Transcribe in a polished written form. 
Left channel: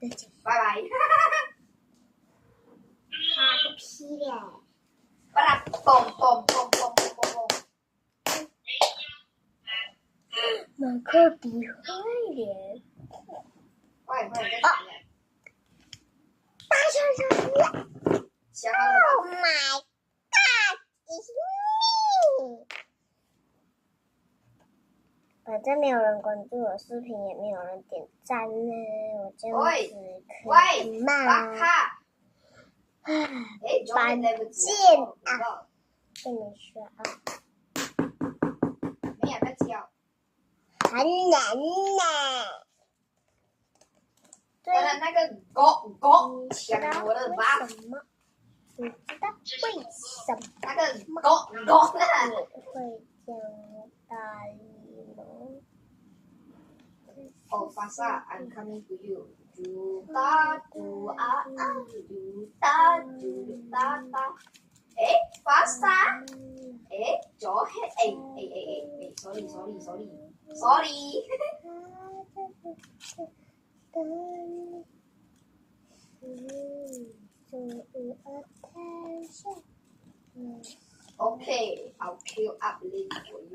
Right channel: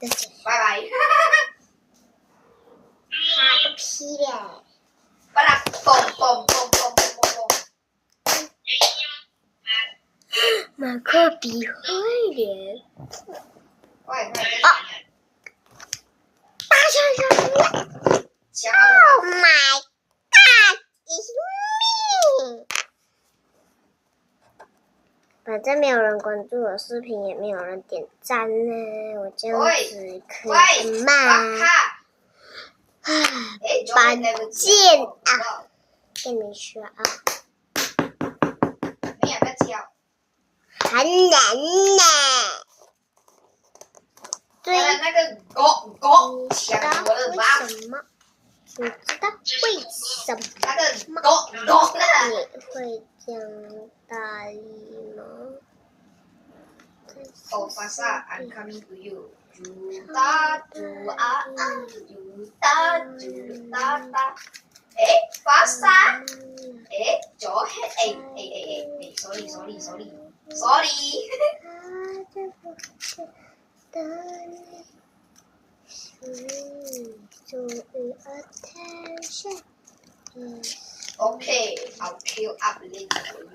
再见。拜拜。哈个屁嘞！把它嘣。马克笔会员。快，再见。大象想好了 ！Oh my God! It's me！ 反正没有人关注我视频，也没有人点赞呢，我这样子可以吗？把剑啊！跟你说啊，没有在教。很难呢。对，那个狗抢我的妈！你知道为什么？那个狗你会这样大力吗？哦，巴萨 ，I'm coming to you。嘟哒嘟啊啊，嘟哒嘟哒哒。巴萨，左黑，sorry。Okay, I'll kill up later for you.